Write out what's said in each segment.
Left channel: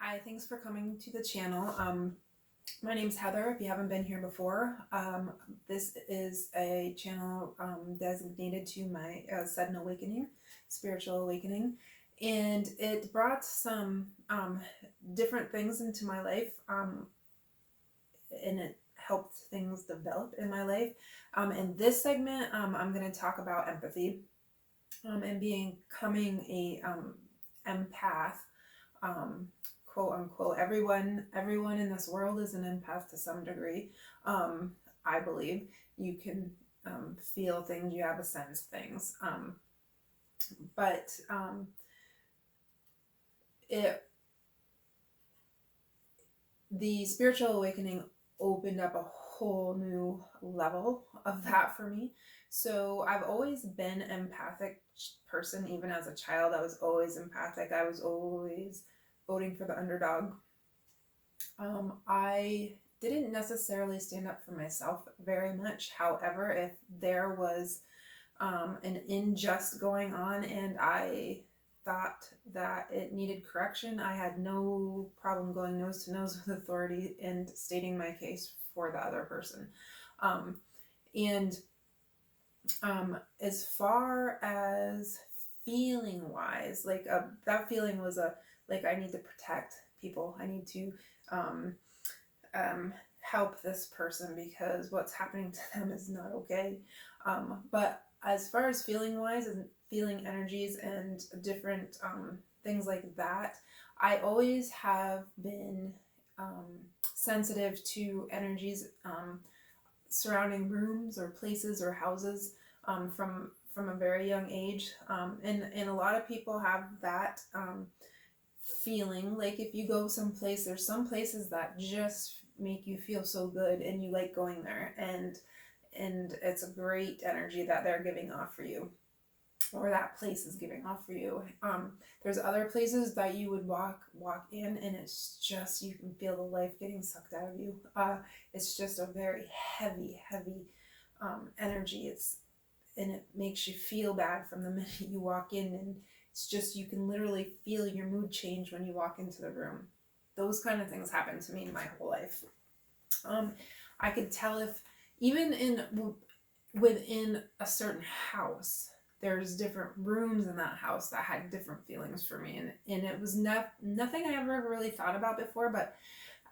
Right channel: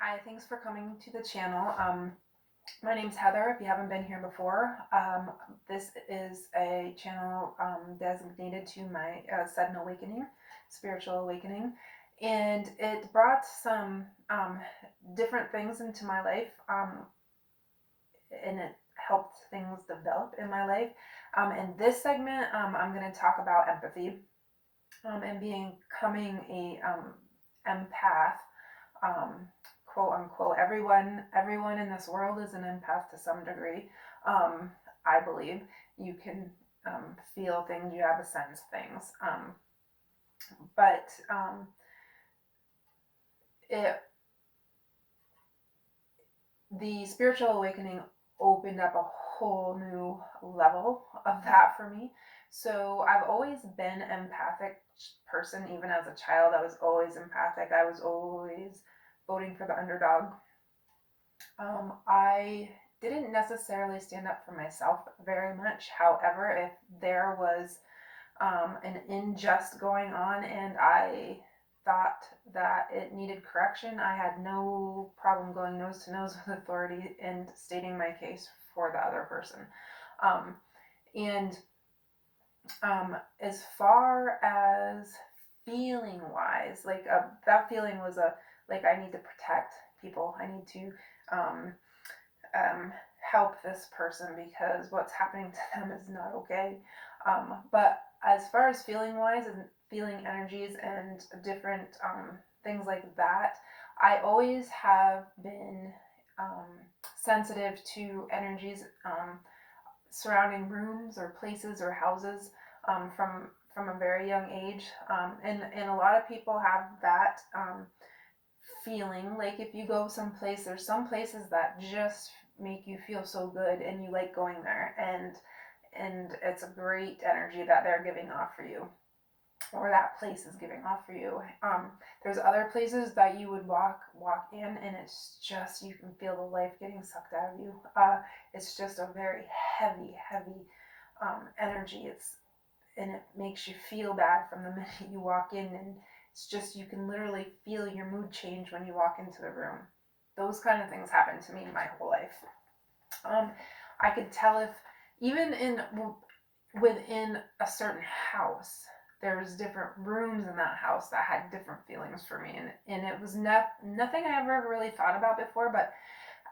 Hi, thanks for coming to the channel. My name's Heather, if you haven't been here before. This is a channel designated to my sudden awakening, spiritual awakening. And it brought some different things into my life, and it helped things develop in my life. In this segment, I'm going to talk about empathy and becoming a empath. Quote unquote, everyone in this world is an empath to some degree. I believe you can feel things, you have a sense of things, but the spiritual awakening opened up a whole new level of that for me. So I've always been an empathic person. Even as a child, I was always empathic. I was always voting for the underdog. I didn't necessarily stand up for myself very much. However, if there was an unjust going on and I thought that it needed correction, I had no problem going nose to nose with authority and stating my case for the other person. And as far as feeling wise, like that feeling was like I need to protect people. I need to help this person because what's happening to them is not okay. But as far as feeling wise and feeling energies and different things like that, I always have been sensitive to energies surrounding rooms or places or houses from a very young age. And a lot of people have that feeling. Like if you go someplace, there's some places that just make you feel so good and you like going there, and it's a great energy that they're giving off for you, or that place is giving off for you. There's other places that you would walk in and it's just, you can feel the life getting sucked out of you. It's just a very heavy energy. And it makes you feel bad from the minute you walk in, and it's just, you can literally feel your mood change when you walk into the room. Those kind of things happen to me my whole life. I could tell if even within a certain house, there's different rooms in that house that had different feelings for me, and it was nothing I ever really thought about before. But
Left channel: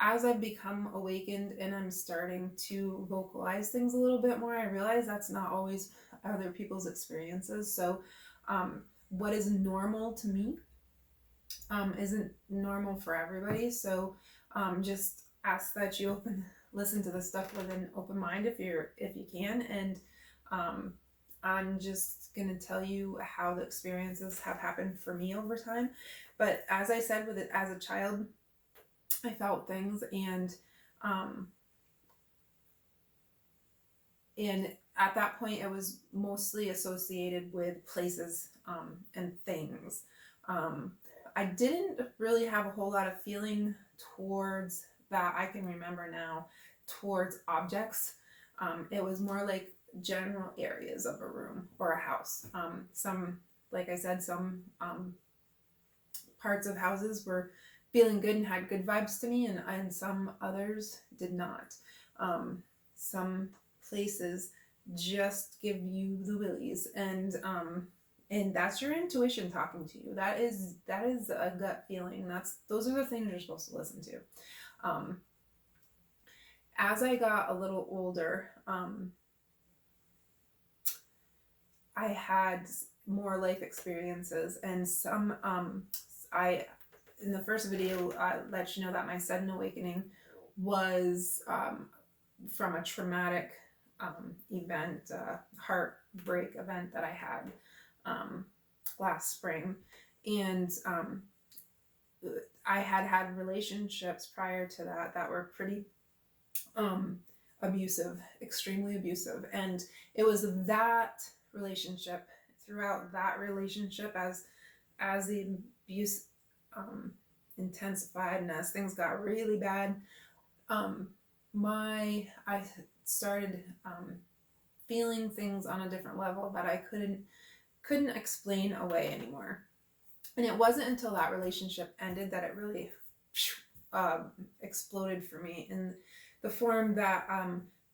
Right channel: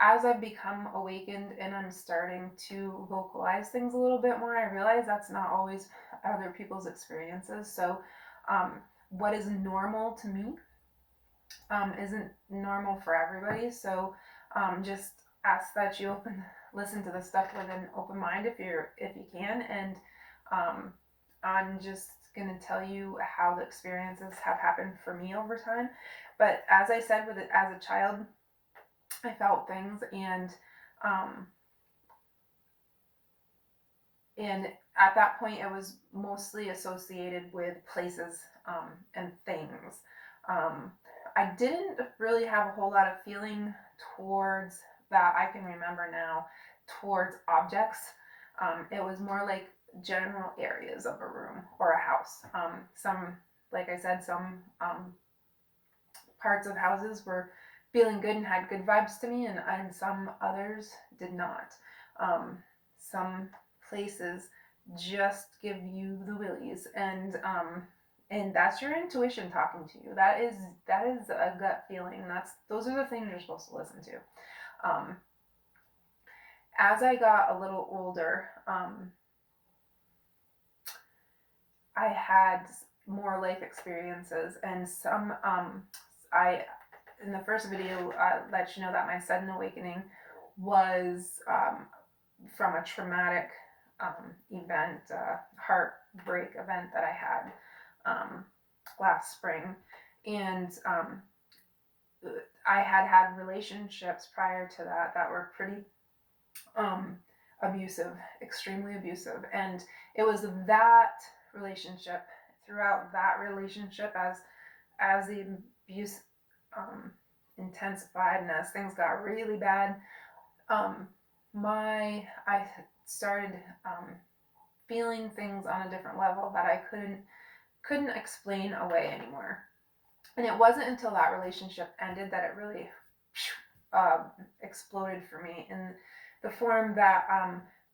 as I've become awakened and I'm starting to vocalize things a little bit more, I realize that's not always other people's experiences. So what is normal to me isn't normal for everybody. So just ask that you listen to the stuff with an open mind if you can. And I'm just gonna tell you how the experiences have happened for me over time. But as I said, with it as a child, I felt things, and at that point it was mostly associated with places and things. I didn't really have a whole lot of feeling towards that I can remember now towards objects. It was more like general areas of a room or a house. Some, like I said, some parts of houses were feeling good and had good vibes to me, and some others did not. Some places just give you the willies, and that's your intuition talking to you. That is a gut feeling. Those are the things you're supposed to listen to. As I got a little older, I had more life experiences, and some in the first video, I let you know that my sudden awakening was from a traumatic event, heartbreak event that I had last spring. And I had relationships prior to that were pretty abusive, extremely abusive. And it was that relationship, throughout that relationship, as the abuse intensified and as things got really bad, I started feeling things on a different level that I couldn't explain away anymore. And it wasn't until that relationship ended that it really exploded for me in the form that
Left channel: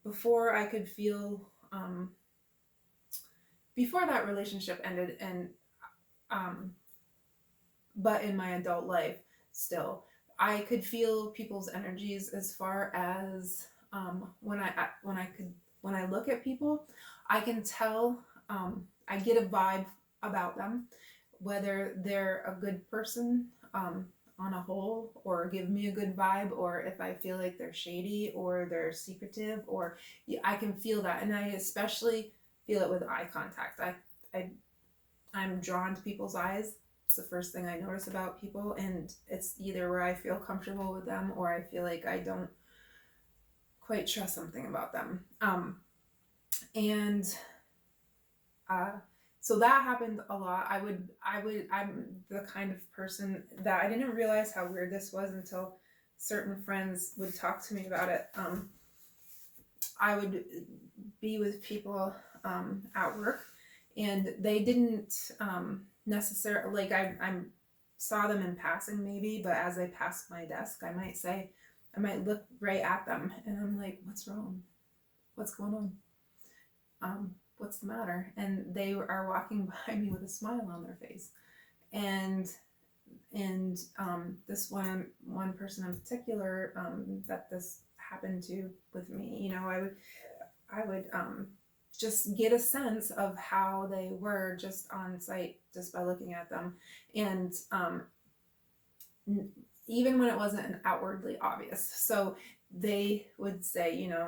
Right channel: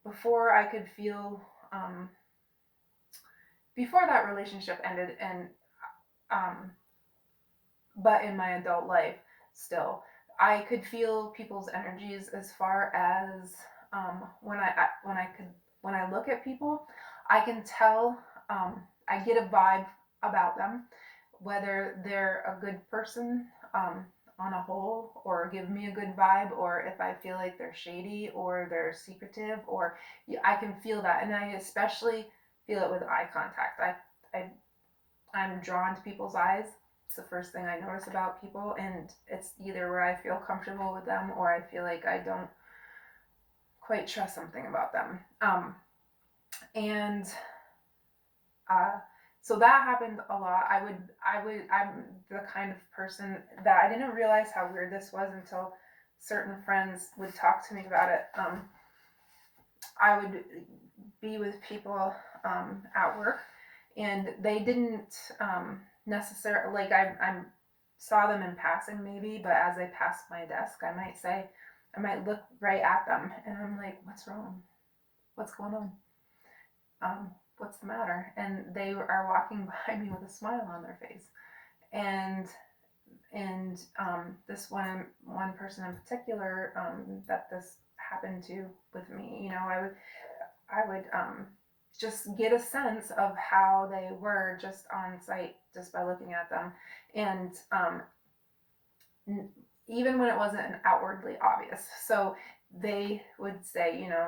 before I could feel, before that relationship ended, and um, but in my adult life still, I could feel people's energies as far as when I look at people, I can tell, I get a vibe about them, whether they're a good person, on a whole, or give me a good vibe, or if I feel like they're shady or they're secretive, or I can feel that. And I especially feel it with eye contact. I I'm drawn to people's eyes. It's the first thing I notice about people, and it's either where I feel comfortable with them or I feel like I don't quite trust something about them. And uh, so that happened a lot. I'm the kind of person that I didn't realize how weird this was until certain friends would talk to me about it. I would be with people at work, and they didn't necessarily, like, I saw them in passing maybe, but as they passed my desk, I might look right at them, and I'm like, what's wrong? What's going on? What's the matter? And they are walking by me with a smile on their face. And this one person in particular, that this happened to with me, you know, I would just get a sense of how they were just on sight, just by looking at them. And even when it wasn't outwardly obvious. So they would say, you know,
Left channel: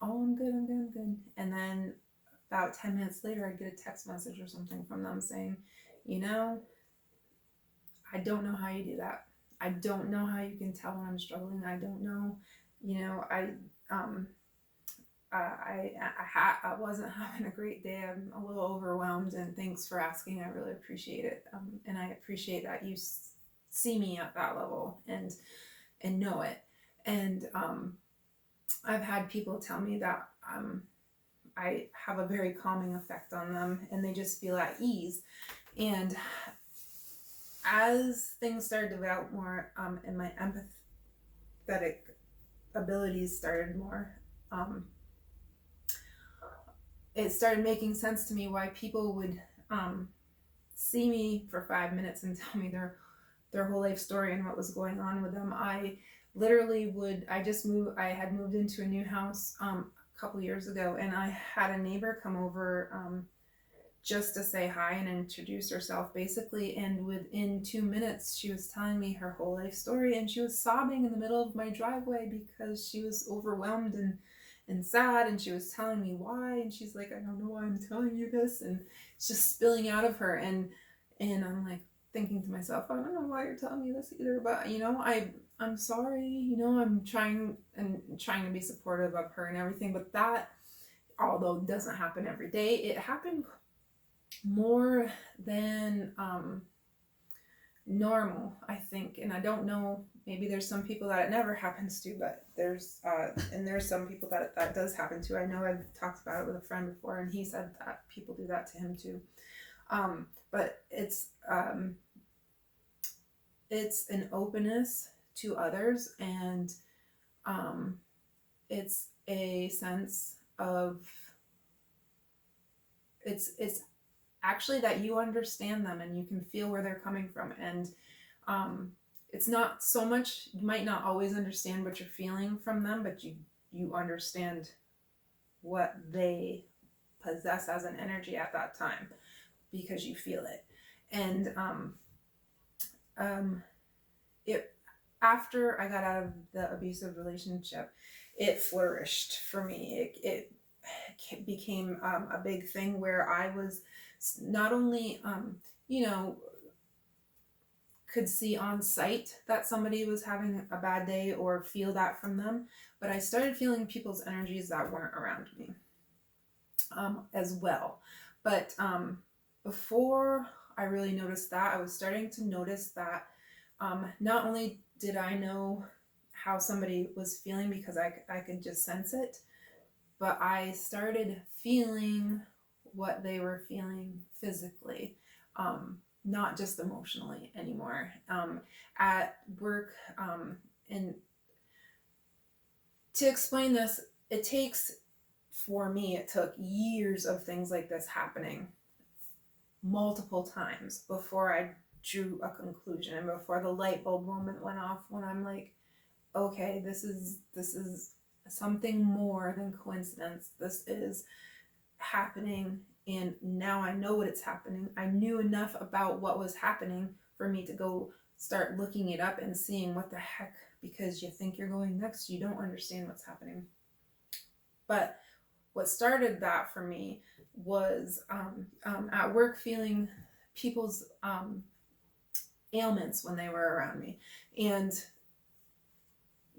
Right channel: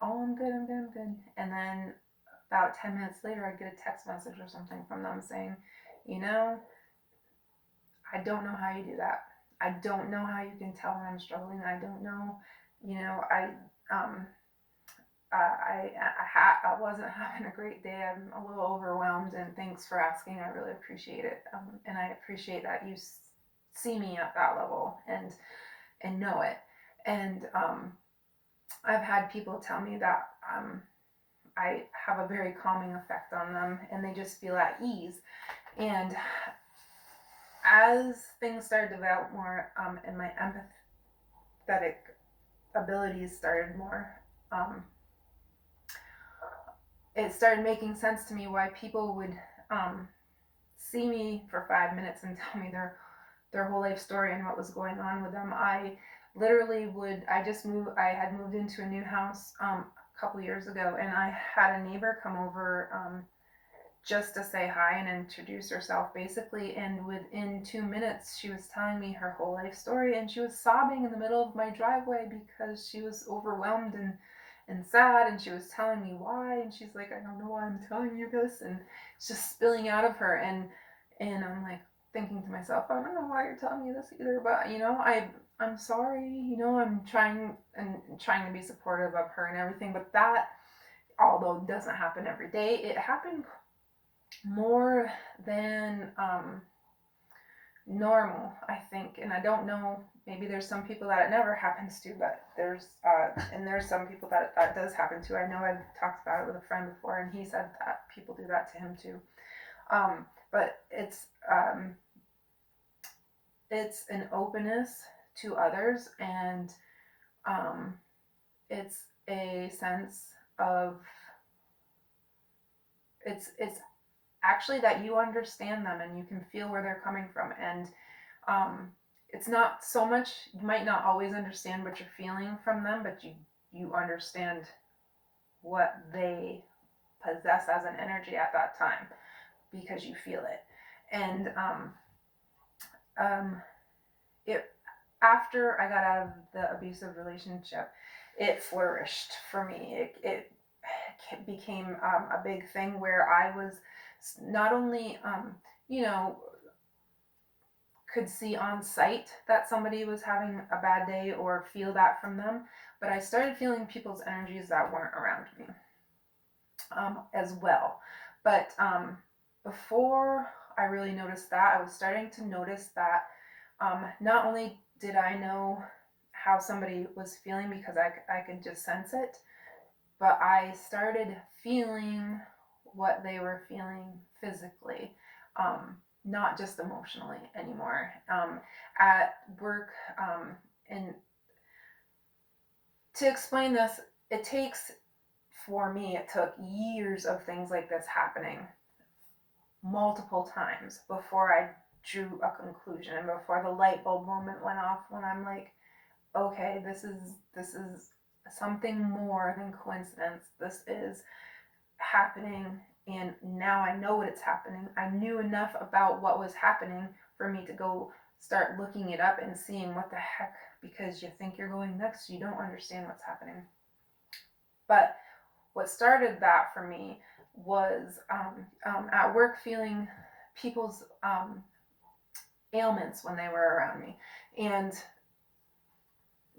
oh, I'm good, I'm good, I'm good. And then about 10 minutes later, I'd get a text message or something from them saying, you know, I don't know how you do that. I don't know how you can tell when I'm struggling. I don't know, you know, I wasn't having a great day. I'm a little overwhelmed, and thanks for asking. I really appreciate it. And I appreciate that you see me at that level and know it. And I've had people tell me that I have a very calming effect on them, and they just feel at ease. And as things started to develop more, and my empathetic abilities started more, it started making sense to me why people would see me for 5 minutes and tell me their whole life story and what was going on with them. I literally I had moved into a new house a couple years ago, and I had a neighbor come over just to say hi and introduce herself, basically. And within 2 minutes, she was telling me her whole life story, and she was sobbing in the middle of my driveway because she was overwhelmed and sad, and she was telling me why, and she's like, I don't know why I'm telling you this, and it's just spilling out of her. And I'm like thinking to myself, I don't know why you're telling me this either, but you know, I'm sorry, you know, I'm trying to be supportive of her and everything. But that, although it doesn't happen every day, it happened more than normal, I think. And I don't know, maybe there's some people that it never happens to, but there's some people that does happen to. I know I've talked about it with a friend before, and he said that people do that to him too. But it's an openness to others, and it's a sense of, it's actually that you understand them and you can feel where they're coming from. And it's not so much, you might not always understand what you're feeling from them, but you understand what they possess as an energy at that time because you feel it. And it after I got out of the abusive relationship, it flourished for me. It became a big thing where I was not only, you know, could see on sight that somebody was having a bad day or feel that from them, but I started feeling people's energies that weren't around me as well. But before I really noticed that, I was starting to notice that not only did I know how somebody was feeling because I could just sense it, but I started feeling what they were feeling physically. not just emotionally anymore. At work, and to explain this, it took years of things like this happening multiple times before I drew a conclusion and before the light bulb moment went off when I'm like, okay, this is something more than coincidence. This is happening, and now I know what it's happening. I knew enough about what was happening for me to go start looking it up and seeing what the heck, because you think you're going next, you don't understand what's happening. But what started that for me was at work feeling people's ailments when they were around me, and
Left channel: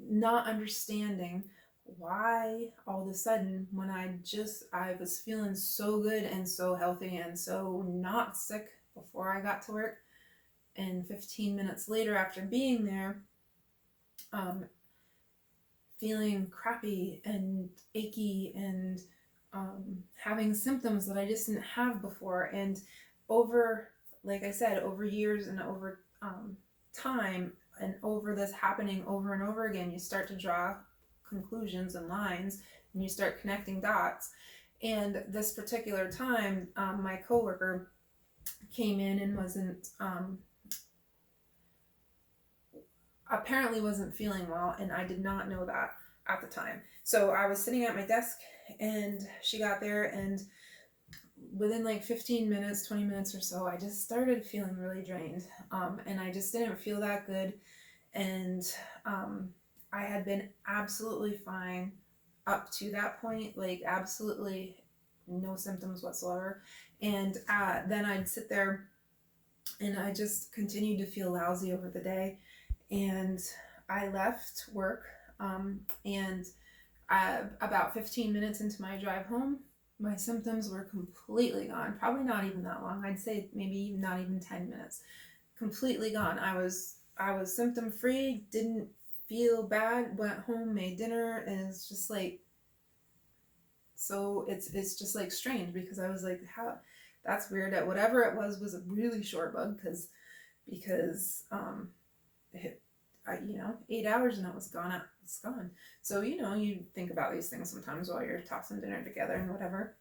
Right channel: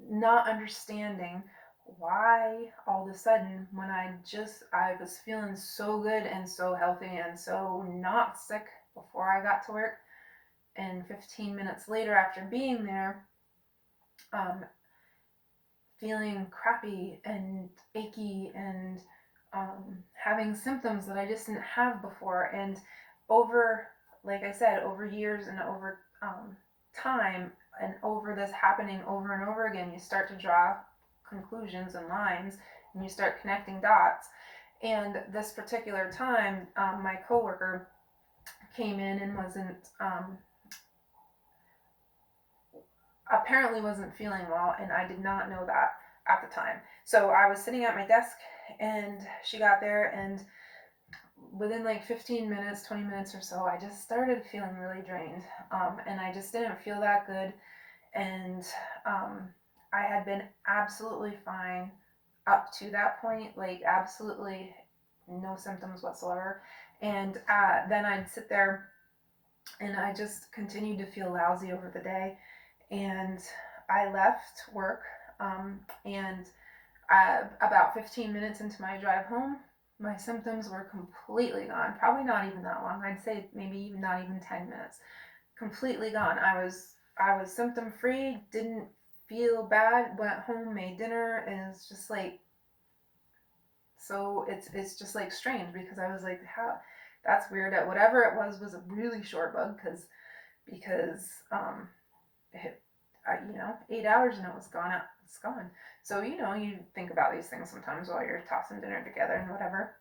not understanding why all of a sudden when I was feeling so good and so healthy and so not sick before I got to work, and 15 minutes later after being there, feeling crappy and achy and having symptoms that I just didn't have before. And like I said, over years and over time, and over this happening over and over again, you start to draw conclusions and lines, and you start connecting dots. And this particular time, my coworker came in and apparently wasn't feeling well, and I did not know that at the time. So I was sitting at my desk, and she got there, and within like 15 minutes, 20 minutes or so, I just started feeling really drained, and I just didn't feel that good. And I had been absolutely fine up to that point, like absolutely no symptoms whatsoever. And then I'd sit there, and I just continued to feel lousy over the day. And I left work, and about 15 minutes into my drive home, my symptoms were completely gone. Probably not even that long. I'd say maybe not even 10 minutes. Completely gone. I was symptom free, didn't feel bad, went home, made dinner, and it's just like, so it's just like strange, because I was like, how, that's weird. That whatever it was a really short bug, because it, 8 hours and it was gone. It's gone. So you think about these things sometimes while you're tossing dinner together and whatever.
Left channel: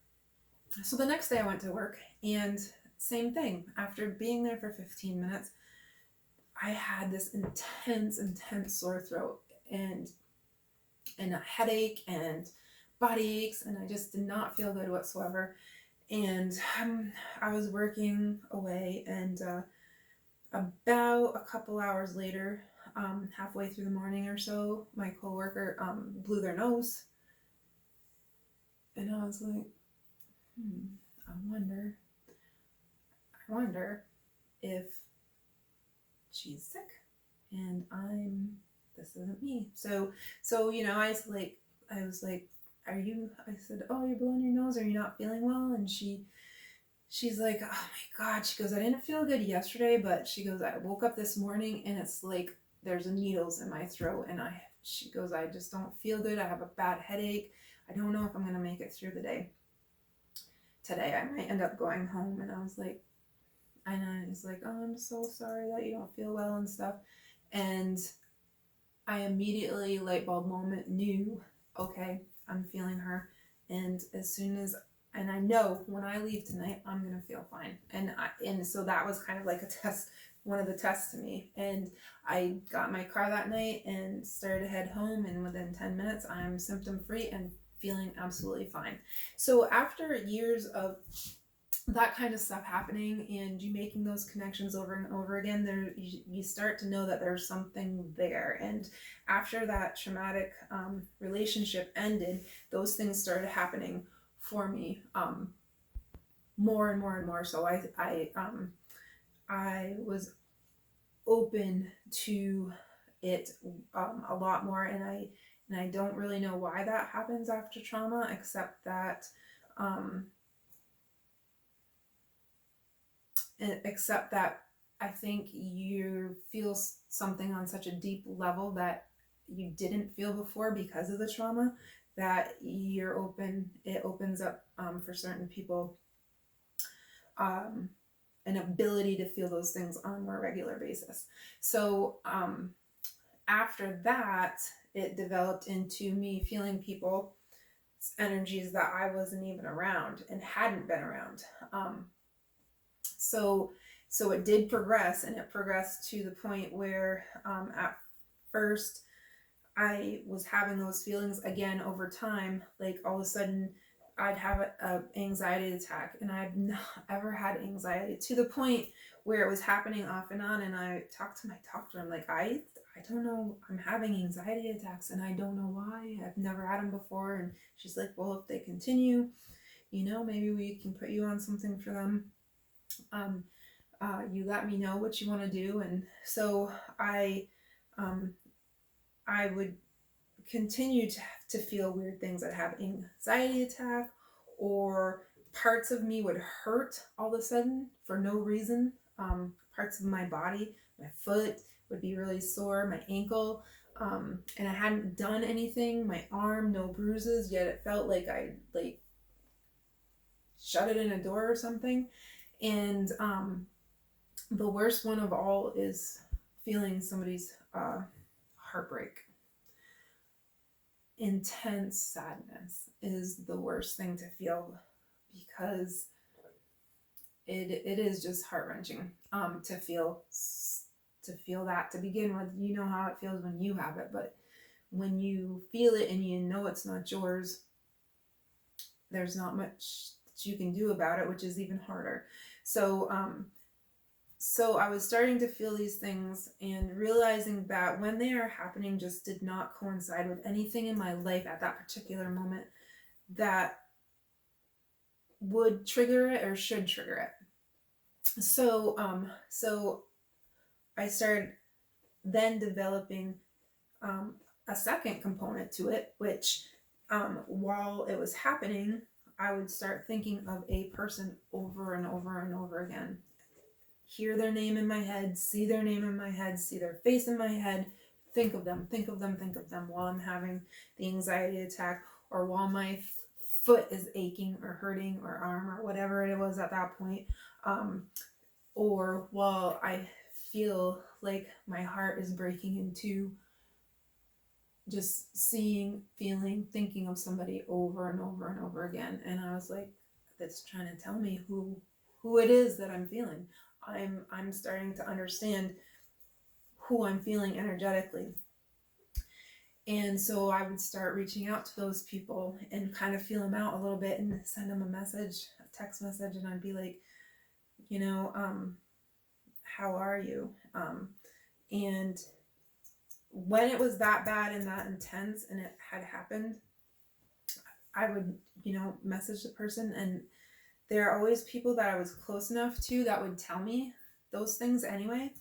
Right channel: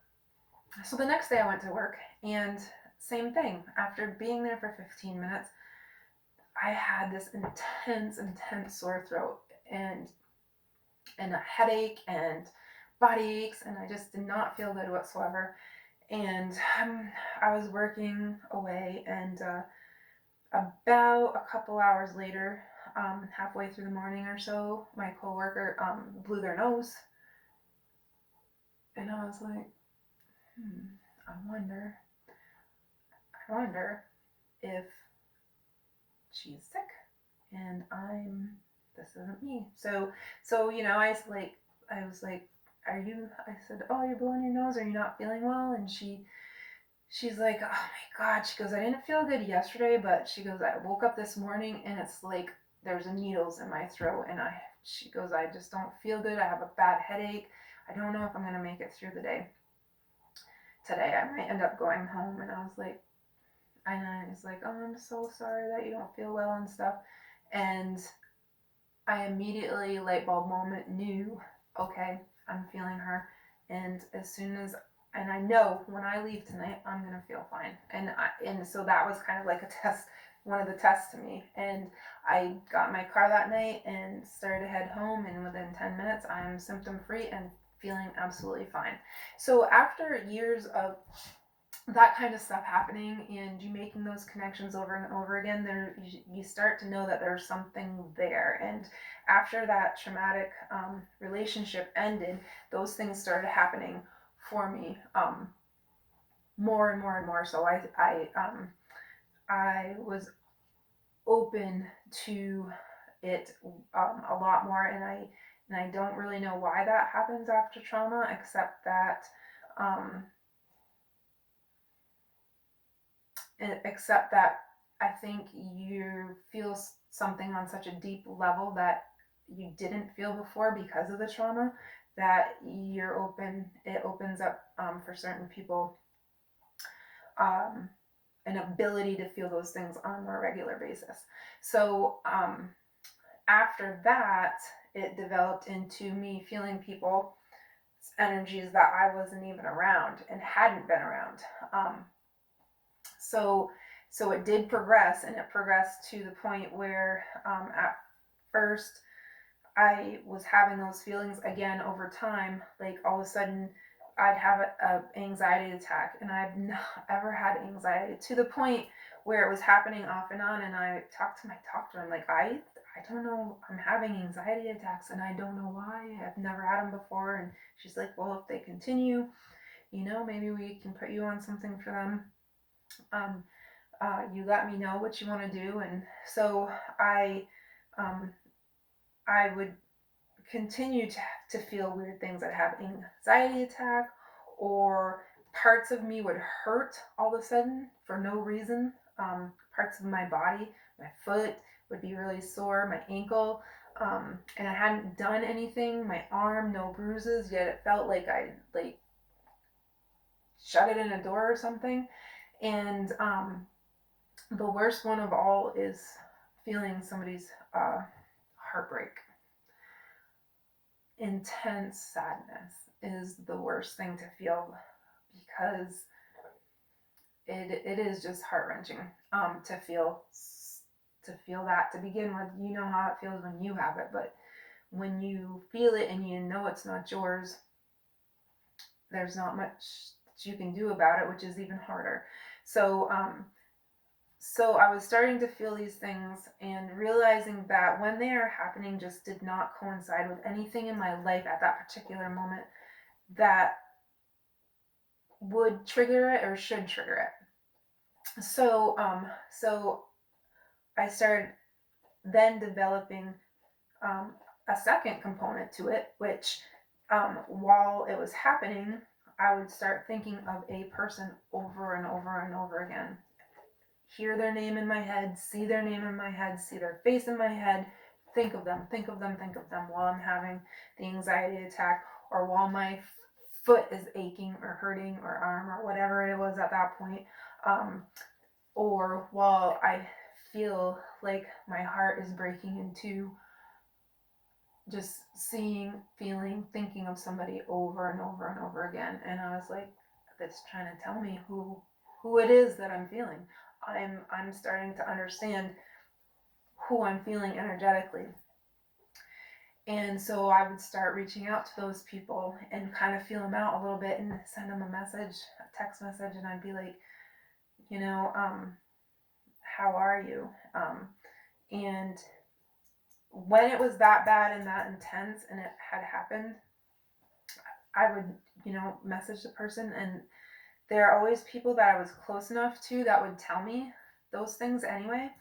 So the next day I went to work, and same thing. After being there for 15 minutes, I had this intense sore throat and a headache and body aches, and I just did not feel good whatsoever. And I was working away, and about a couple hours later, halfway through the morning or so, my coworker blew their nose, and I was like, I wonder if she's sick, and this isn't me. So I was like, I said, oh, you're blowing your nose, are you not feeling well? And she's like, oh my God, she goes, I didn't feel good yesterday, but she goes, I woke up this morning and it's like there's needles in my throat, and she goes, I just don't feel good. I have a bad headache. I don't know if I'm gonna make it through the day. Today I might end up going home. And I was like, I know, and he's like, oh, I'm so sorry that you don't feel well and stuff. And I immediately, light bulb moment, knew, okay, I'm feeling her. And and I know when I leave tonight, I'm going to feel fine. And so that was kind of like a test, one of the tests to me. And I got in my car that night and started to head home. And within 10 minutes, I'm symptom free and feeling absolutely fine. So after years of that kind of stuff happening, and you making those connections over and over again, you start to know that there's something there. And after that traumatic relationship ended, those things started happening for me more and more and more. So I was open to it a lot more, and I don't really know why that happens after trauma, except that I think you feel something on such a deep level that you didn't feel before because of the trauma, that it opens up for certain people an ability to feel those things on a more regular basis. So after that, it developed into me feeling people energies that I wasn't even around and hadn't been around. So so it did progress, and it progressed to the point where at first I was having those feelings again over time. Like all of a sudden, I'd have a anxiety attack, and I've not ever had anxiety to the point where it was happening off and on. And I talked to my doctor. I'm like, I don't know. I'm having anxiety attacks, and I don't know why. I've never had them before. And she's like, well, if they continue, maybe we can put you on something for them. You let me know what you want to do. And so um, I would continue to feel weird things. I'd have anxiety attack, or parts of me would hurt all of a sudden for no reason. Parts of my body, my foot would be really sore, my ankle, and I hadn't done anything. My arm, no bruises, yet it felt like I shut it in a door or something. And the worst one of all is feeling somebody's heartbreak. Intense sadness is the worst thing to feel, because it is just heart-wrenching to feel that to begin with. You know how it feels when you have it, but when you feel it and you know it's not yours, there's not much that you can do about it, which is even harder. So I was starting to feel these things and realizing that when they are happening just did not coincide with anything in my life at that particular moment that would trigger it or should trigger it. So I started then developing a second component to it, which while it was happening, I would start thinking of a person over and over and over again. Hear their name in my head, see their name in my head, see their face in my head, think of them while I'm having the anxiety attack, or while my foot is aching or hurting, or arm, or whatever it was at that point, or while I feel like my heart is breaking in two, just seeing, feeling, thinking of somebody over and over and over again. And I was like, that's trying to tell me who it is that I'm feeling. I'm starting to understand who I'm feeling energetically. And so I would start reaching out to those people and kind of feel them out a little bit and send them a text message, and I'd be like, how are you? And when it was that bad and that intense and it had happened, I would, message the person, and there are always people that I was close enough to that would tell me those things anyway,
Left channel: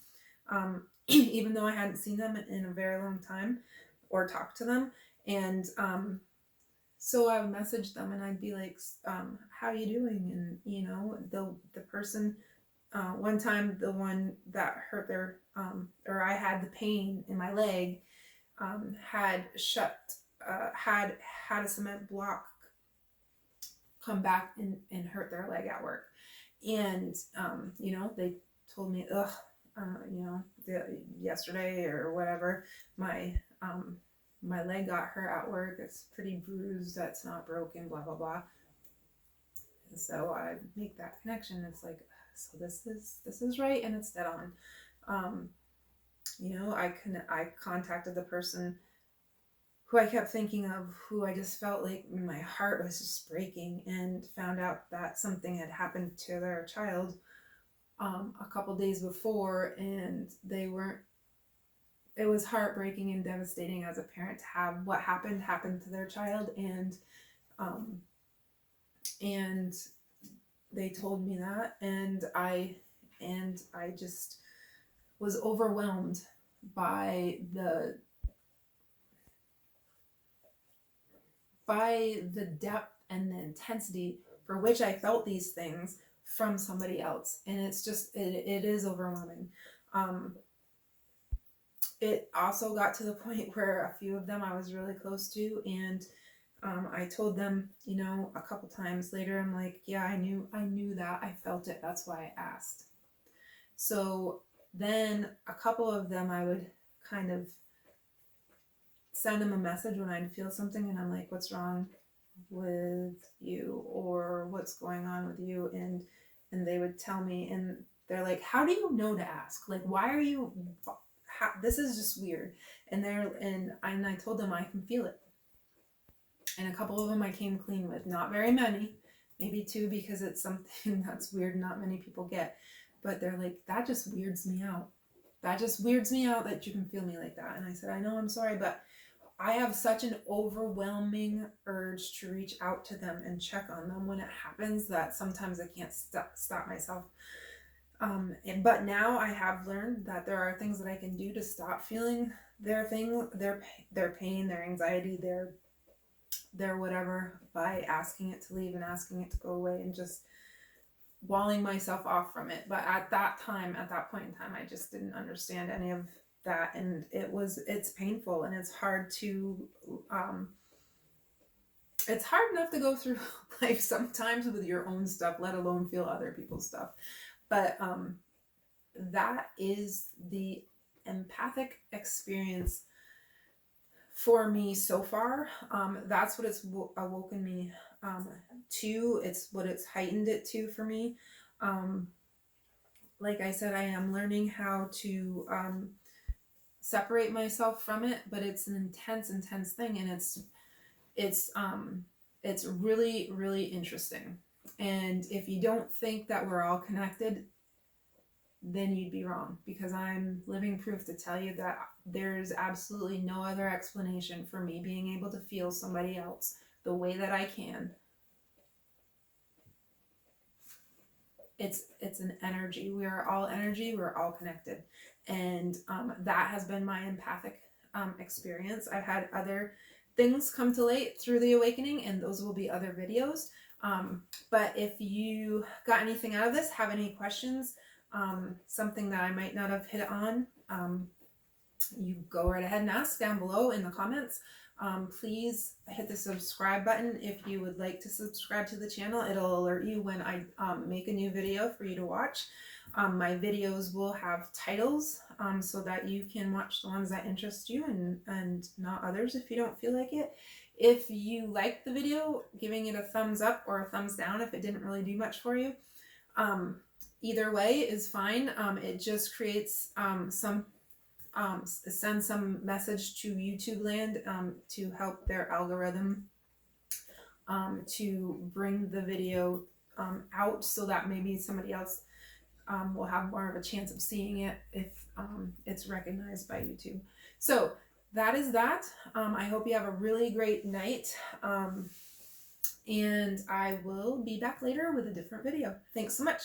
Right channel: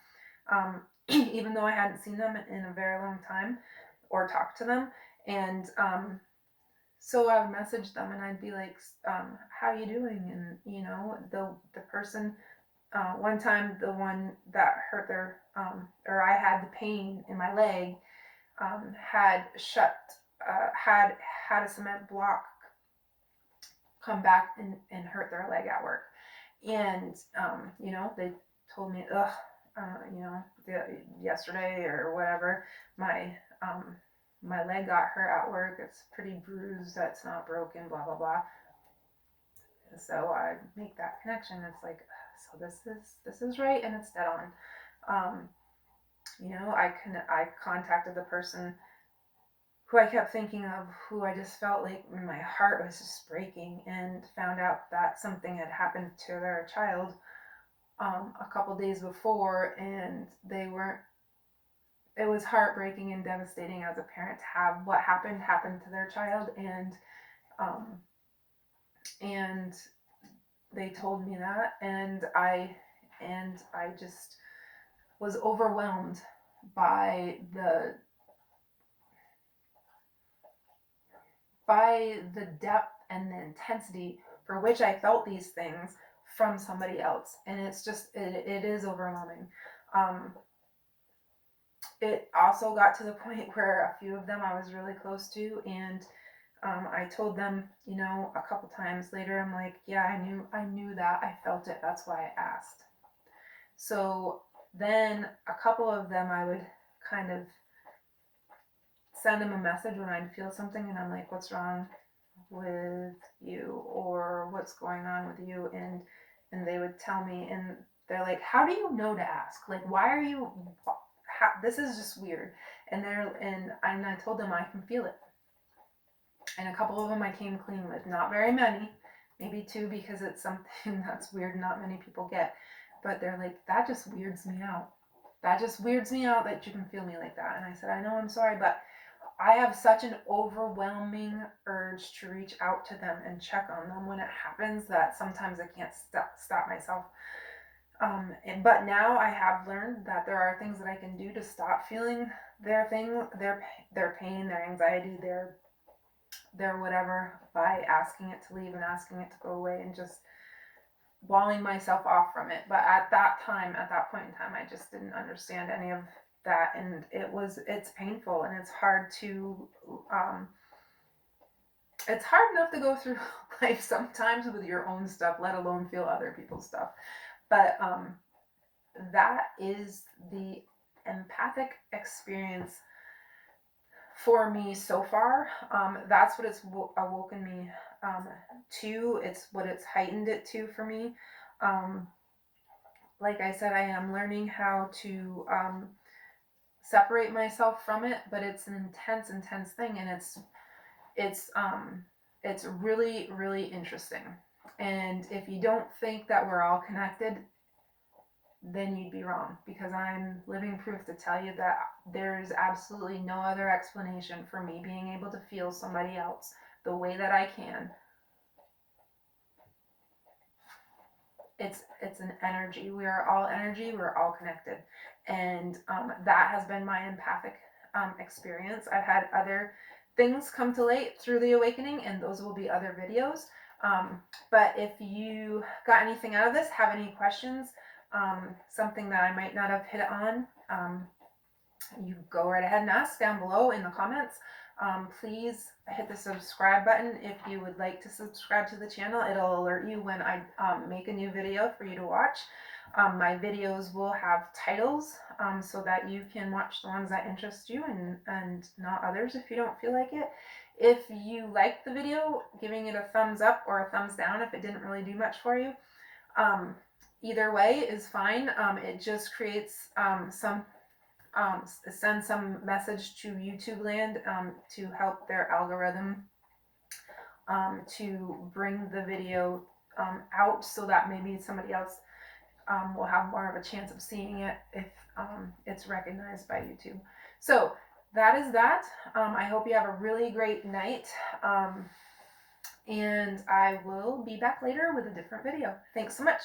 even though I hadn't seen them in a very long time or talked to them. And so I would message them, and I'd be like, how you doing? And the person, one time, the one that hurt their or I had the pain in my leg, had a cement block come back and hurt their leg at work. And they told me, yesterday or whatever, my leg got hurt at work. It's pretty bruised. That's not broken, blah, blah, blah. And so I make that connection. It's like, so this is right, and it's dead on. I contacted the person who I kept thinking of, who I just felt like my heart was just breaking, and found out that something had happened to their child a couple days before, and it was heartbreaking and devastating as a parent to have what happened to their child. And they told me that, and I just was overwhelmed by the depth and the intensity for which I felt these things from somebody else. And it's just, it is overwhelming. It also got to the point where a few of them I was really close to, and I told them, a couple times later, I'm like, yeah, I knew that, I felt it, that's why I asked. So then a couple of them I would kind of send them a message when I'd feel something, and I'm like, what's wrong with you, or what's going on with you? And they would tell me, and they're like, how do you know to ask? Like, why are you, this is just weird. And I told them I can feel it. And a couple of them I came clean with, not very many, maybe 2, because it's something that's weird, not many people get. But they're like, that just weirds me out. That just weirds me out that you can feel me like that. And I said, I know, I'm sorry, but I have such an overwhelming urge to reach out to them and check on them when it happens that sometimes I can't stop myself. But now I have learned that there are things that I can do to stop feeling their pain, their anxiety, their whatever, by asking it to leave and asking it to go away and just walling myself off from it. But at that point in time, I just didn't understand any of that, and it's painful, and it's hard enough to go through life sometimes with your own stuff, let alone feel other people's stuff. But that is the empathic experience for me so far. That's what it's awoken me to. It's what it's heightened it to for me. Like I said, I am learning how to separate myself from it, but it's an intense thing, and it's really, really interesting. And if you don't think that we're all connected, then you'd be wrong, because I'm living proof to tell you that there's absolutely no other explanation for me being able to feel somebody else the way that I can. It's an energy. We are all energy. We're all connected. And that has been my empathic experience. I've had other things come to light through the awakening, and those will be other videos. But if you got anything out of this, have any questions, something that I might not have hit on, you go right ahead and ask down below in the comments. Please hit the subscribe button if you would like to subscribe to the channel. It'll alert you when I make a new video for you to watch. My videos will have titles so that you can watch the ones that interest you and not others if you don't feel like it. If you liked the video, giving it a thumbs up or a thumbs down if it didn't really do much for you. Either way is fine. It just creates send some message to YouTube land to help their algorithm to bring the video out, so that maybe somebody else will have more of a chance of seeing it if it's recognized by YouTube. So that is that. I hope you have a really great night, and I will be back later with a different video. Thanks so much.